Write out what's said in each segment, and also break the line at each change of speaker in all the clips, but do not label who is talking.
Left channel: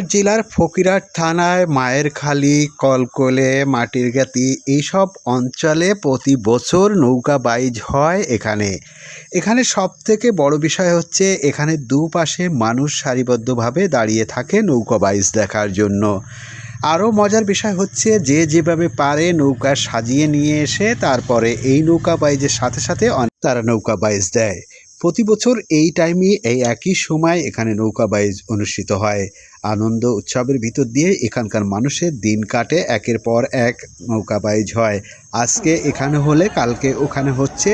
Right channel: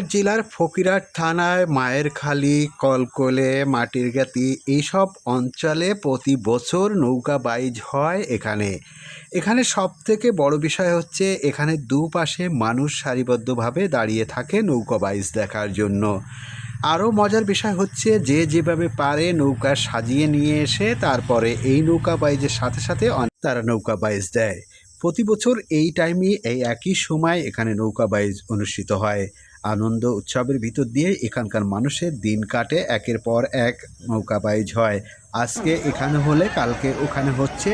জেলার ফকিরহাট থানায় মায়ের খালি, কলকলে, মাটির গাতি এইসব অঞ্চলে প্রতি বছর নৌকা বাইজ হয় এখানে। এখানে সব থেকে বড় বিষয় হচ্ছে এখানে দুপাশে মানুষ সারিবদ্ধভাবে দাঁড়িয়ে থাকে নৌকা বাইজ দেখার জন্য। আরও মজার বিষয় হচ্ছে যে যেভাবে পারে নৌকা সাজিয়ে নিয়ে এসে তারপরে এই নৌকা বাইজের সাথে সাথে অনেক তারা নৌকা বাইজ দেয়। প্রতি বছর এই টাইমে এই একই সময় এখানে নৌকা বাইজ অনুষ্ঠিত হয়। আনন্দ উৎসবের ভিতর দিয়ে এখানকার মানুষের দিন কাটে, একের পর এক নৌকা বাইজ হয় আজকে এখানে হলে, কালকে ওখানে হচ্ছে,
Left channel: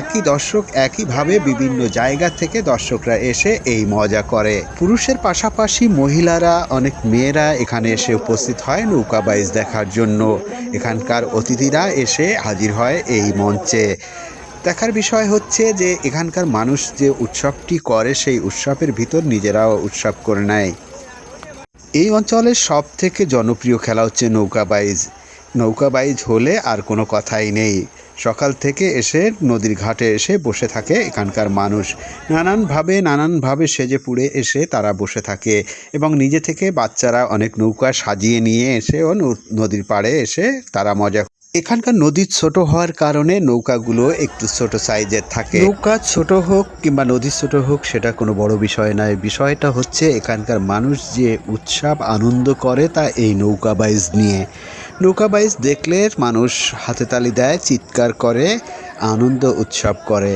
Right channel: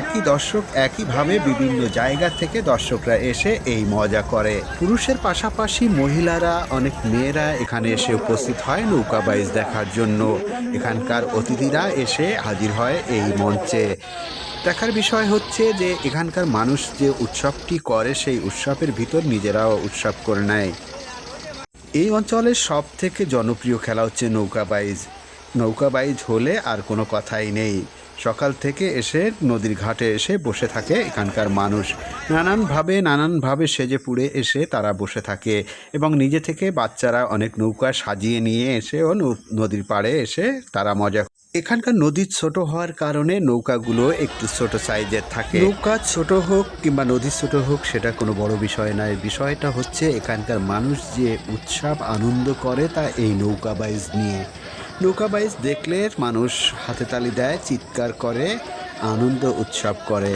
একই দর্শক একইভাবে বিভিন্ন জায়গা থেকে দর্শকরা এসে এই মজা করে। পুরুষের পাশাপাশি মহিলারা, অনেক মেয়েরা এখানে এসে উপস্থিত হয় নৌকা বাইজ দেখার জন্য। এখানকার অতিথিরা এসে হাজির হয় এই মঞ্চে। দেখার বিষয় হচ্ছে যে, এখানকার মানুষ যে উৎসবটি করে, সেই উৎসবের ভিতর নিজেরাও উৎসব করে নেয়। এই অঞ্চলের সব থেকে জনপ্রিয় খেলা হচ্ছে নৌকাবাইজ নৌকাবাইজ নৌকা বাইজ হলে আর কোনো কথাই নেই। সকাল থেকে এসে নদীর ঘাটে এসে বসে থাকে এখানকার মানুষ। নানানভাবে নানানভাবে সেজে পুড়ে এসে তারা বসে থাকে এবং নিজে থেকে বাচ্চারা অনেক নৌকা সাজিয়ে নিয়ে এসে ও নদীর পাড়ে এসে তারা মজা এখানকার নদী ছোট হওয়ার কারণে নৌকাগুলো একটু ছোট সাইজের থাকে। নৌকা ছোট হোক কিংবা নদী ছোট হোক, সেটা কোনো বড় বিষয় নয়। বিষয়টা হচ্ছে এখানকার মানুষ যে উৎসব, আনন্দ করে তা এই নৌকা বাইজ নিয়ে। নৌকা বাইজ দেখলে মানুষ হাতে তালি দেয়, চিৎকার করে, আনন্দ উৎসব করে।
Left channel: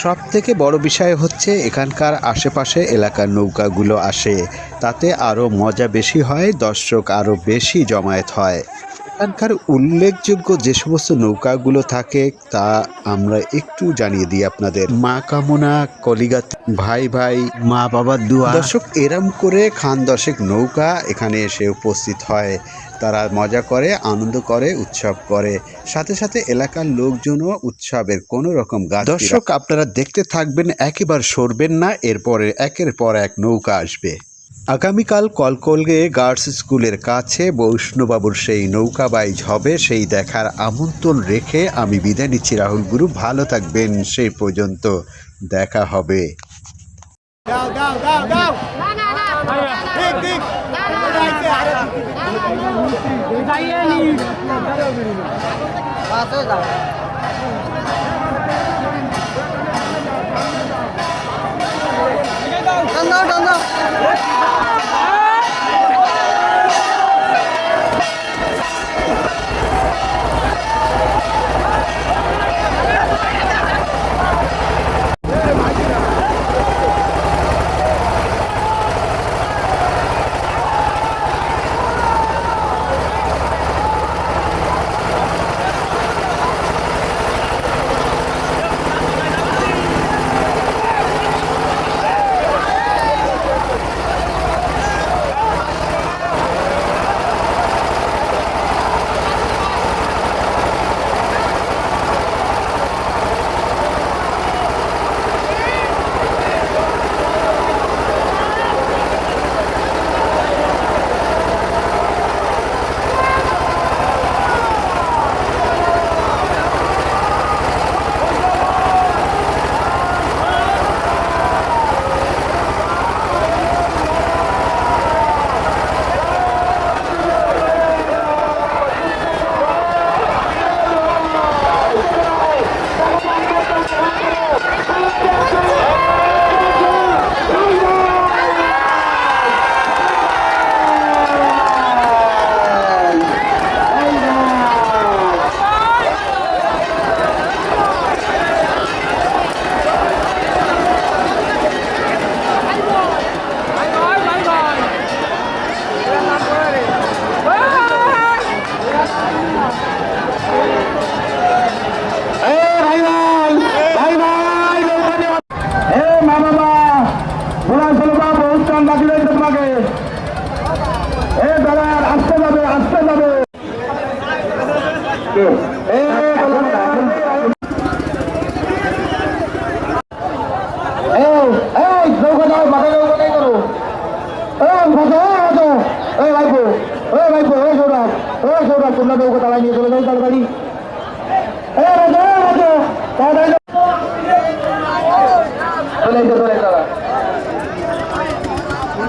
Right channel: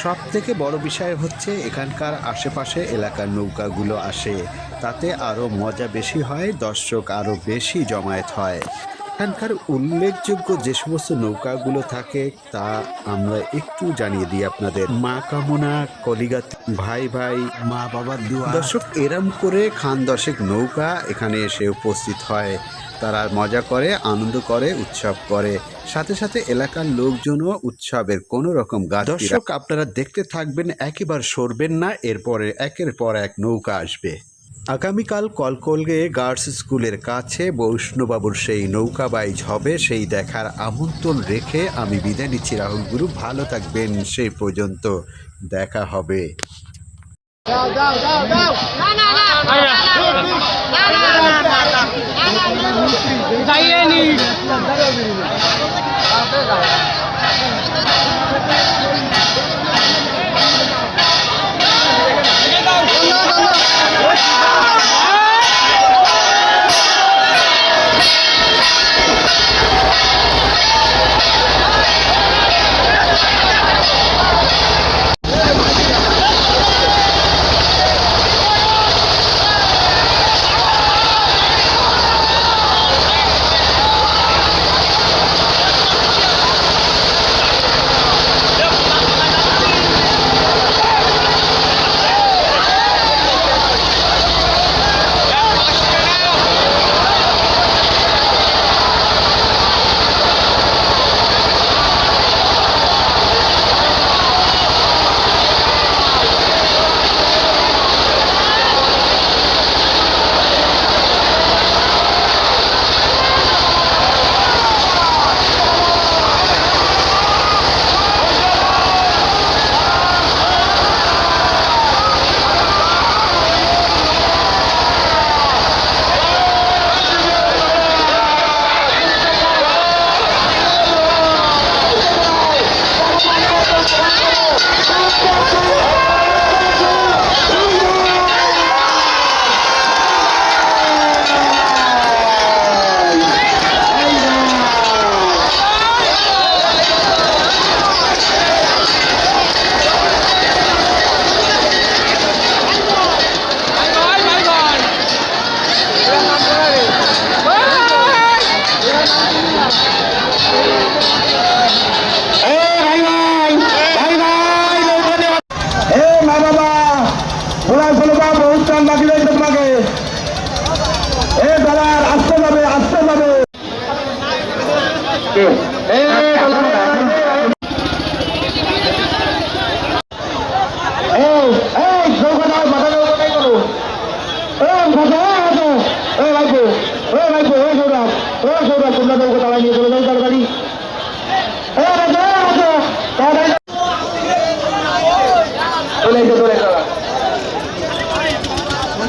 সব থেকে বড় বিষয় হচ্ছে এখানকার আশেপাশে এলাকার নৌকাগুলো আসে। তাতে আরও মজা বেশি হয়, দর্শক আরও বেশি জমায়েত হয়। এখানকার উল্লেখযোগ্য যে সমস্ত নৌকাগুলো থাকে, তা আমরা একটু জানিয়ে দিই আপনাদের। মা কামনা, কলিগাত, ভাই ভাই, মা বাবার দুয়া। দর্শক, এরম করে খান দশেক নৌকা এখানে এসে উপস্থিত হয়। তারা মজা করে, আনন্দ করে, উৎসব করে। সাথে সাথে এলাকার লোকজনও উৎসবের কোনো রকম গাছ দর্শক, আপনারা দেখতে থাকবেন, একেবারে সরবেন না, এরপরে, একের পর এক নৌকা আসবে। আগামীকাল কলকলগে গার্লস স্কুলের কাছে বৈষ্ণবাবুর সেই নৌকা বাইজ হবে সেই দেখার আমন্ত্রণ রেখে আমি বিদায় নিচ্ছি রাহুল গুরু ভালো থাকবেন সেই পর্যন্ত দেখা হবে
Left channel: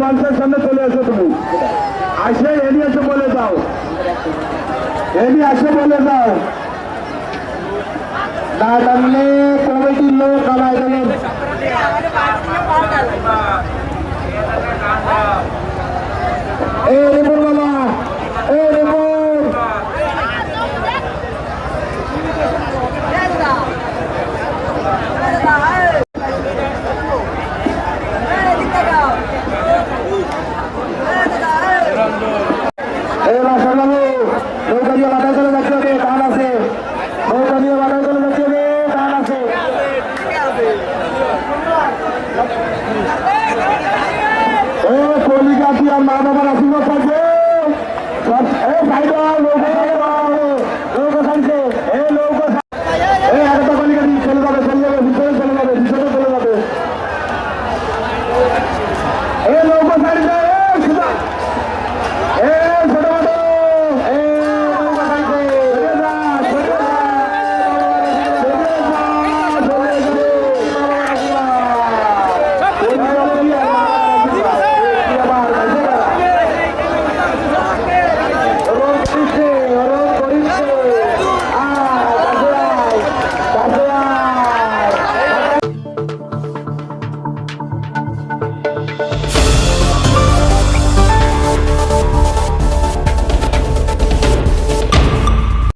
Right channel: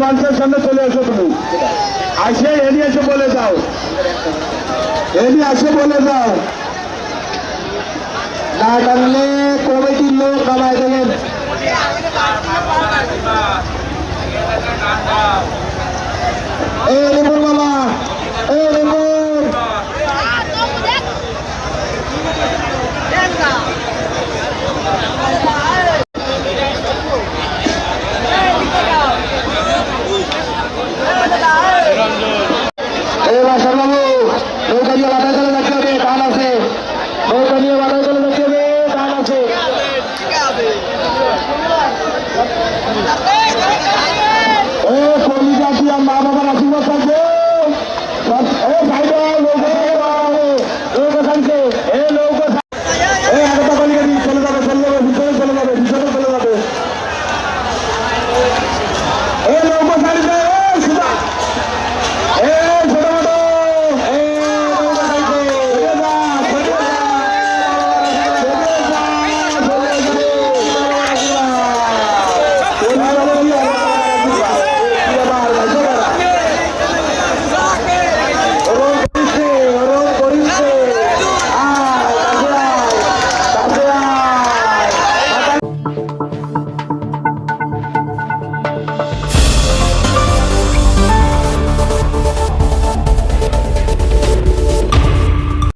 এই সামনে চলে এসো তুমি। আসে এনি এসে বলে দাও। এনি আসে বলে দাও। না লোক কামাই দেবেন বাবা, এ. Ele é o meu
Veloso,